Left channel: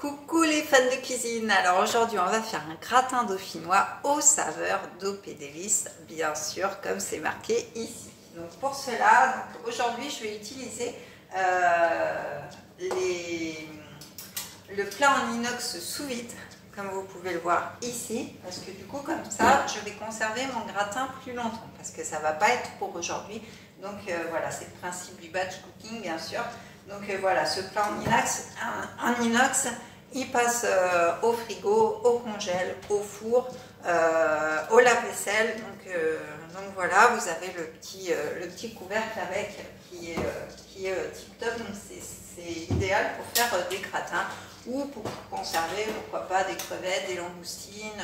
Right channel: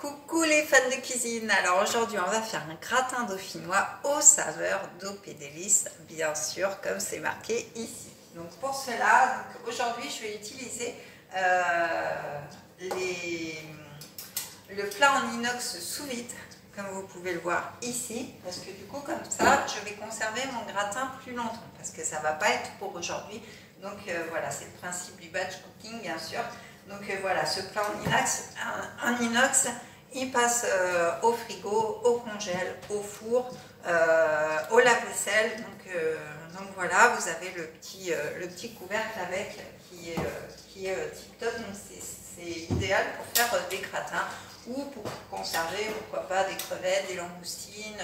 Coucou les fans de cuisine. Alors aujourd'hui on va faire un gratin dauphinois aux saveurs d'O.P. Davis, bien sûr comme c'est marqué ici. Donc pour cela, aujourd'hui je vais utiliser le plat en inox sous vide, comme vous pouvez le voir ici, parce que du coup comme ça je vais conserver mon gratin plus longtemps, parce que ça va pas être pour aujourd'hui. Donc voilà, c'est le principe du batch cooking bien sûr. Donc voilà, ce plat en inox, il passe au frigo, au congèle, au four, au lave-vaisselle. Donc voilà, vous avez le petit couvercle avec qui est tip top. Donc c'est idéal pour faire des gratins ou pour conserver, pourquoi pas, des crevettes, des langoustines.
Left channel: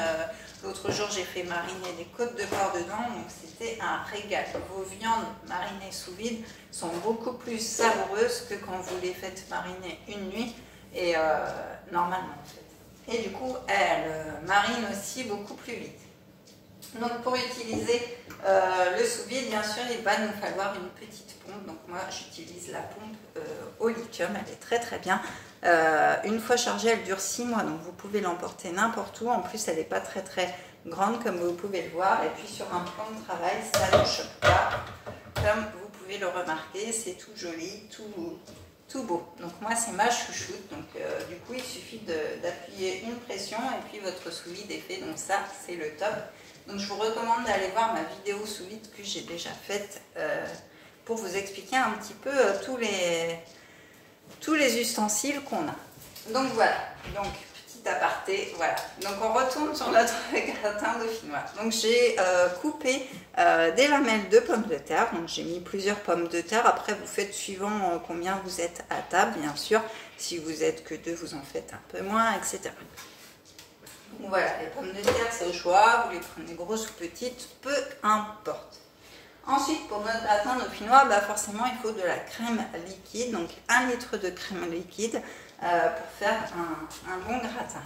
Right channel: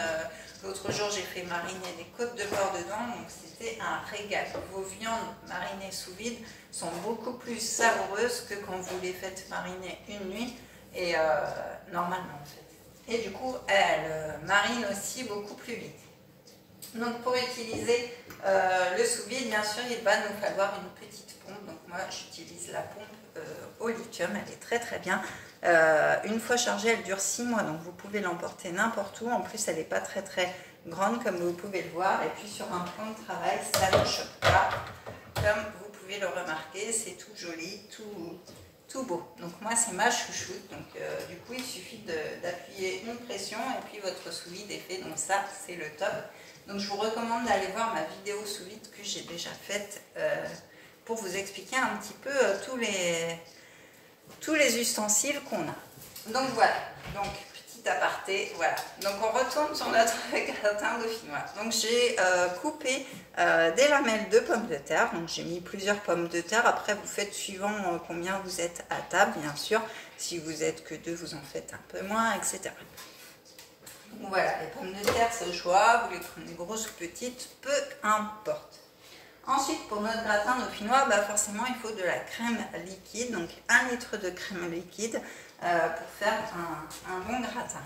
L'autre jour, j'ai fait mariner des côtes de porc dedans, donc c'était un régal. Vos viandes marinées sous vide sont beaucoup plus savoureuses que quand vous les faites mariner une nuit, et normalement en fait. Et du coup, elles marinent aussi beaucoup plus vite. Donc pour utiliser le sous-vide, bien sûr, il va nous falloir une petite pompe. Donc moi, j'utilise la pompe au lithium, elle est très très bien. Une fois chargée, elle dure 6 mois, donc vous pouvez l'emporter n'importe où. En plus, elle n'est pas très très grande, comme vous pouvez le voir. Et puis sur un plan de travail, ça ne choque pas. Comme vous pouvez le remarquer, c'est tout joli, tout beau. Donc moi, c'est ma chouchoute. Donc du coup, il suffit d'appuyer une pression et puis votre sous-vide est fait. Donc ça, c'est le top. Donc je vous recommande d'aller voir ma vidéo sous vide que j'ai déjà faite pour vous expliquer un petit peu tous les ustensiles qu'on a. Donc voilà, donc petit aparté, voilà. Donc on retourne sur notre gratin dauphinois. Donc j'ai coupé des lamelles de pommes de terre. Donc j'ai mis plusieurs pommes de terre. Après vous faites suivant combien vous êtes à table, bien sûr. Si vous êtes que 2, vous en faites un peu moins, etc. Donc voilà, les pommes de terre, c'est au choix, vous les prenez grosses ou petites, peu importe. Ensuite, pour notre gratin dauphinois, forcément, il faut de la crème liquide, donc 1 litre de crème liquide pour faire un bon gratin.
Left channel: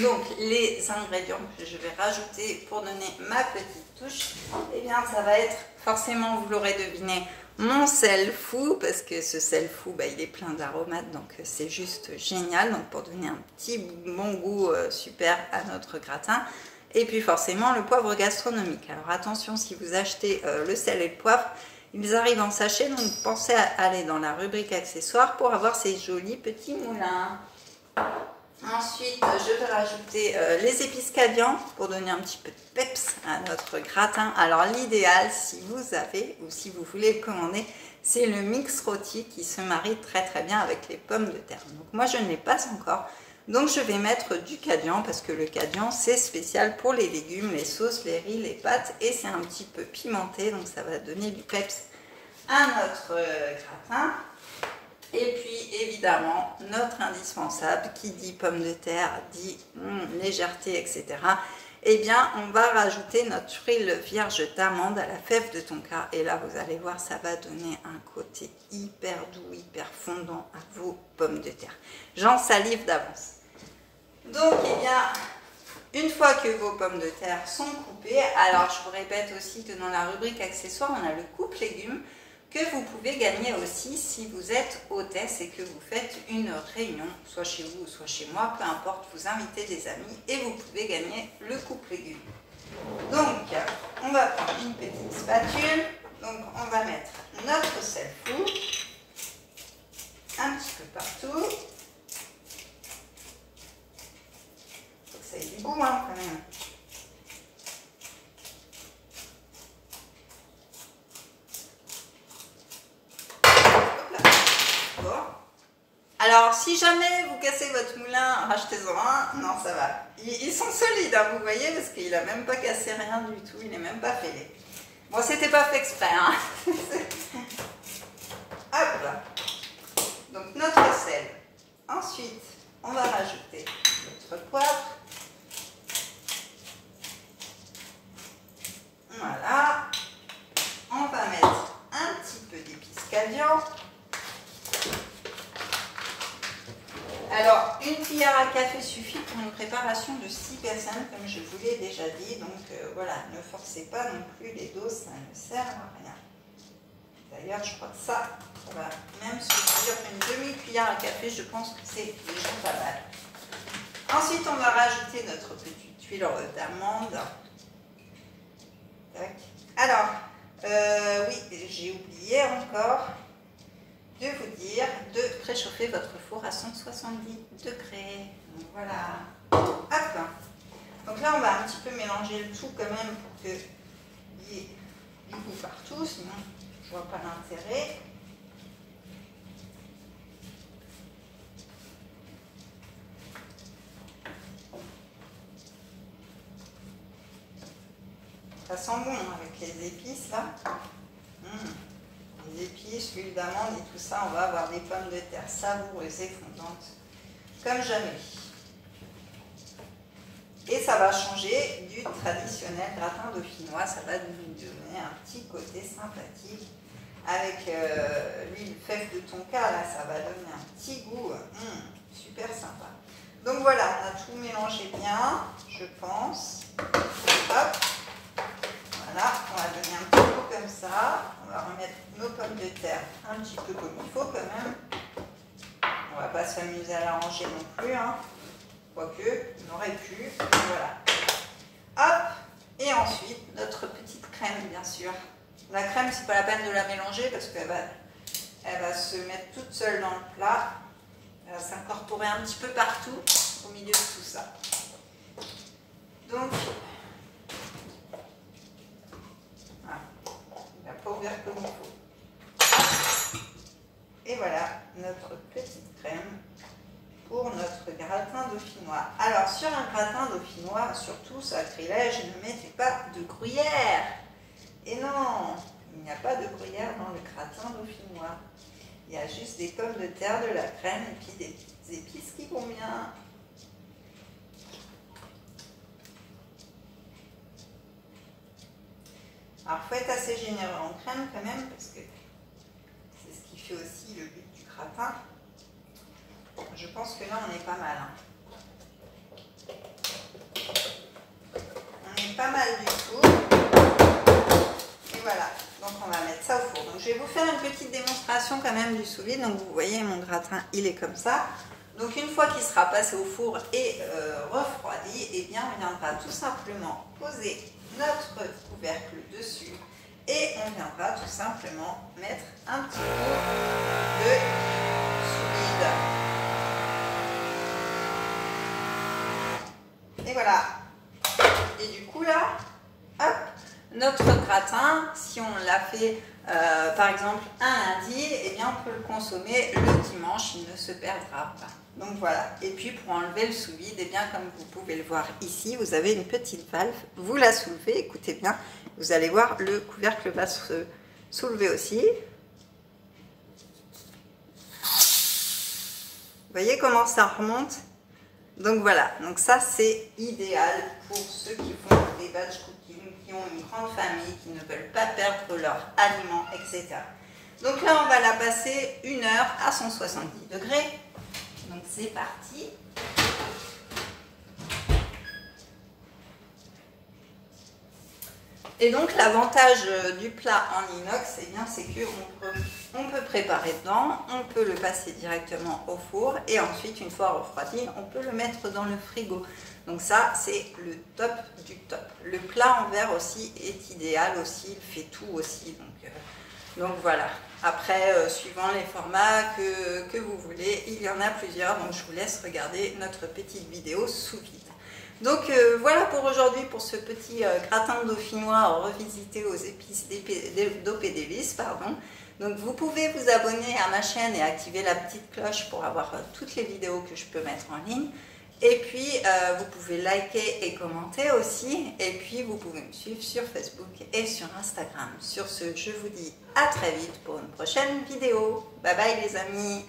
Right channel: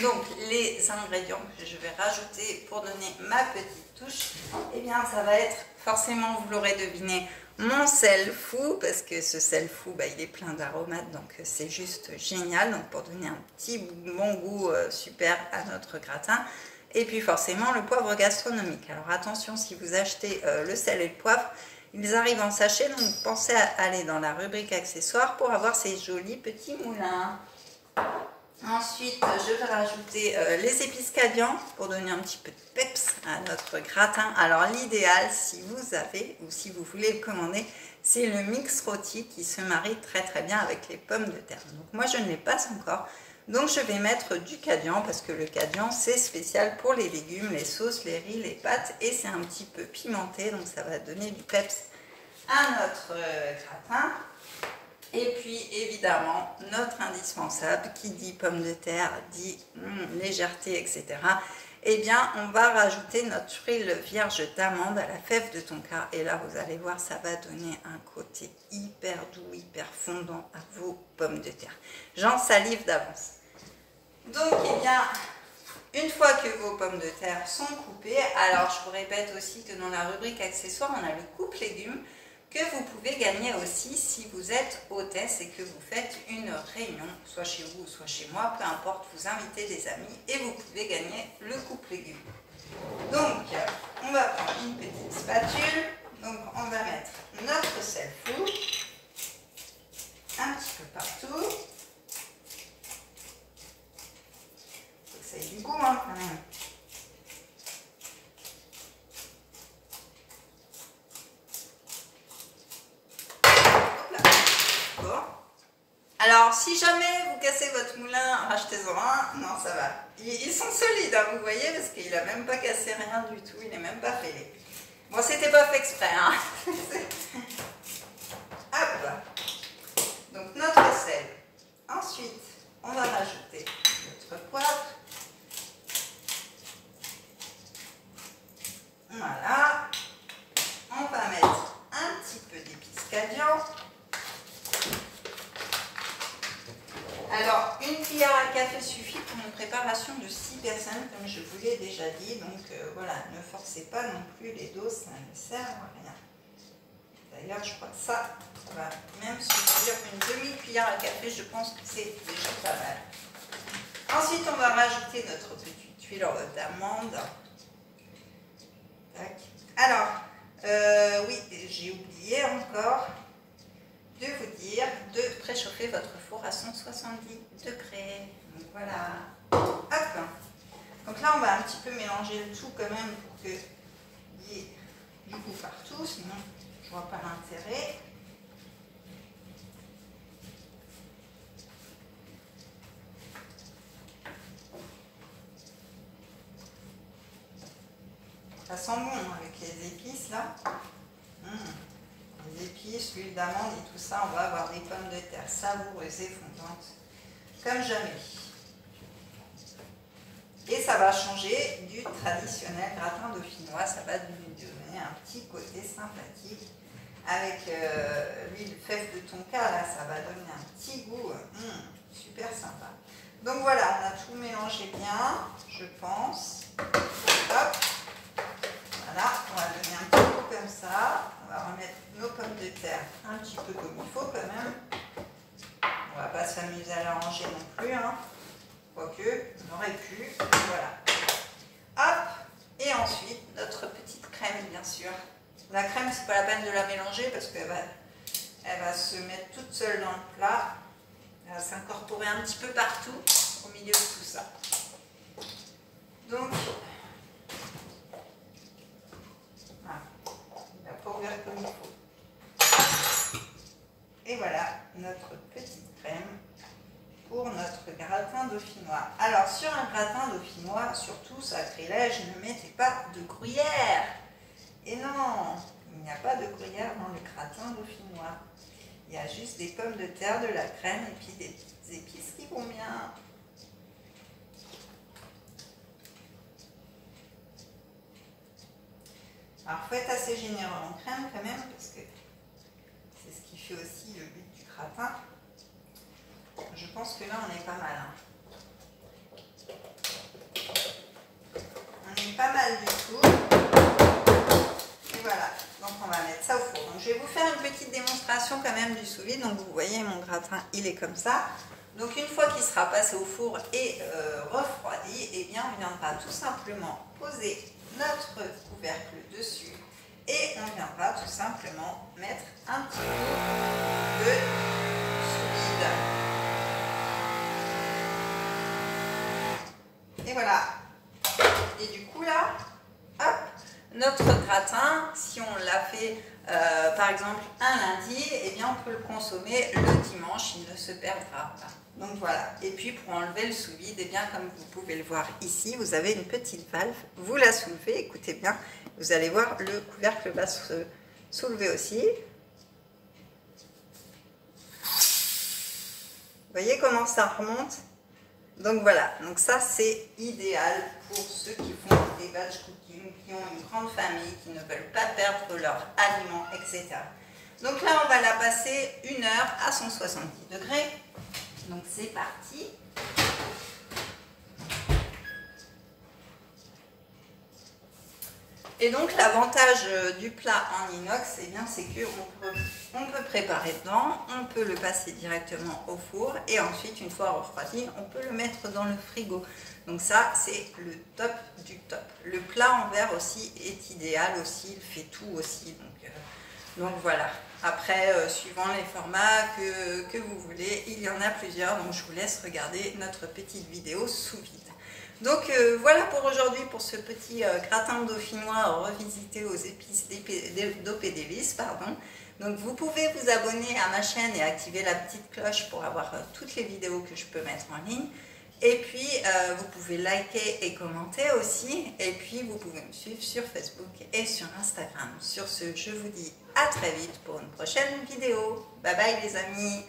Donc, les ingrédients que je vais rajouter pour donner ma petite touche, eh bien, ça va être forcément, vous l'aurez deviné, mon sel fou, parce que ce sel fou, il est plein d'aromates, donc c'est juste génial, donc pour donner un petit bon goût super à notre gratin. Et puis forcément le poivre gastronomique. Alors attention, si vous achetez le sel et le poivre, ils arrivent en sachet, donc pensez à aller dans la rubrique accessoires pour avoir ces jolis petits moulins. Ensuite, je vais rajouter les épices cadian pour donner un petit peu de peps à notre gratin. Alors l'idéal, si vous avez ou si vous voulez le commander, c'est le mix rôti qui se marie très très bien avec les pommes de terre. Donc moi je ne l'ai pas encore, donc je vais mettre du cadian parce que le cadian c'est spécial pour les légumes, les sauces, les riz, les pâtes et c'est un petit peu pimenté, donc ça va donner du peps à notre gratin. Et puis évidemment notre indispensable, qui dit pommes de terre dit légèreté, etc. Eh bien on va rajouter notre huile vierge d'amande à la fève de tonka et là vous allez voir, ça va donner un côté hyper doux, hyper fondant à vos pommes de terre. J'en salive d'avance. Donc eh bien une fois que vos pommes de terre sont coupées, alors je vous répète aussi que dans la rubrique accessoires on a le coupe légumes que vous pouvez gagner aussi si vous êtes hôtesse et que vous faites une réunion, soit chez vous ou soit chez moi, peu importe, vous invitez des amis et vous pouvez gagner le coupe légumes. Donc, on va prendre une petite spatule, donc on va mettre notre sel fou, un petit peu partout. Il faut que ça ait du goût quand même. Alors, si jamais vous cassez votre moulin, rachetez-en un. Non, ça va. Ils sont solides, hein, vous voyez, parce qu'il n'a même pas cassé rien du tout. Il n'est même pas fêlé. Bon, c'était pas fait exprès. Hein. Hop. Donc, notre sel. Ensuite, on va rajouter notre poivre. Voilà. On va mettre un petit peu d'épices cadian. Alors, une cuillère à café suffit pour une préparation de 6 personnes, comme je vous l'ai déjà dit. Donc voilà, ne forcez pas non plus les doses, ça ne sert à rien. D'ailleurs, je crois que ça Ça va même se cuire une demi-cuillère à café, je pense que c'est déjà pas mal. Ensuite, on va rajouter notre petite huile d'amande. Tac. Alors, oui, j'ai oublié encore de vous dire de préchauffer votre four à 170 degrés. Donc voilà. Hop. Donc là, on va un petit peu mélanger le tout quand même pour qu'il y ait du goût partout, sinon je vois pas l'intérêt. Ça sent bon avec les épices là. Les épices, l'huile d'amande et tout ça, on va avoir des pommes de terre savoureuses et fondantes comme jamais. Et ça va changer du traditionnel gratin dauphinois, ça va lui donner un petit côté sympathique. Avec l'huile fève de tonka, là, ça va donner un petit goût super sympa. Donc voilà, on a tout mélangé bien, je pense. Hop. Voilà, on va donner un petit coup comme ça. On va remettre nos pommes de terre un petit peu comme il faut quand même. On va pas s'amuser à la ranger non plus, hein. Quoique, on aurait pu. Voilà. Hop. Et ensuite, notre petite crème, bien sûr. La crème, c'est pas la peine de la mélanger parce qu'elle va se mettre toute seule dans le plat. Elle va s'incorporer un petit peu partout au milieu de tout ça. Donc, voilà. Il n'a pas ouvert comme il faut. Et voilà notre petite crème pour notre gratin dauphinois. Alors, sur un gratin dauphinois, surtout, sacrilège, ne mettez pas de gruyère. Et non, il n'y a pas de gruyère dans le gratin dauphinois. Il y a juste des pommes de terre, de la crème et puis des petites épices qui vont bien. Alors, il faut être assez généreux en crème quand même parce que c'est ce qui fait aussi le but du gratin. Je pense que là, on est pas mal. Hein. On est pas mal du tout. Et voilà, donc on va mettre ça au four. Donc je vais vous faire une petite démonstration quand même du sous-vide. Donc vous voyez, mon gratin, il est comme ça. Donc une fois qu'il sera passé au four et refroidi, eh bien on viendra tout simplement poser notre couvercle dessus. Et on viendra tout simplement mettre un petit peu de sous-vide. Et voilà. Et du coup là, hop, notre gratin, si on l'a fait par exemple un lundi, eh bien on peut le consommer le dimanche, il ne se perdra pas. Donc voilà. Et puis pour enlever le sous-vide, eh bien comme vous pouvez le voir ici, vous avez une petite valve. Vous la soulevez, écoutez bien, vous allez voir le couvercle va se soulever aussi. Vous voyez comment ça remonte? Donc voilà, donc ça c'est idéal pour ceux qui font des batch cooking, qui ont une grande famille, qui ne veulent pas perdre leurs aliments, etc. Donc là on va la passer 1 heure à 170 degrés. Donc c'est parti. Et donc l'avantage du plat en inox, eh bien c'est qu'on peut préparer dedans, on peut le passer directement au four et ensuite une fois refroidi, on peut le mettre dans le frigo. Donc ça c'est le top du top. Le plat en verre aussi est idéal aussi, il fait tout aussi. Donc voilà. Après, suivant les formats que vous voulez, il y en a plusieurs. Donc je vous laisse regarder notre petite vidéo sous vide. Donc voilà pour aujourd'hui, pour ce petit gratin dauphinois revisité aux épices d'Opédélice, pardon. Donc vous pouvez vous abonner à ma chaîne et activer la petite cloche pour avoir toutes les vidéos que je peux mettre en ligne. Et puis vous pouvez liker et commenter aussi. Et puis vous pouvez me suivre sur Facebook et sur Instagram. Sur ce, je vous dis à très vite pour une prochaine vidéo. Bye bye les amis!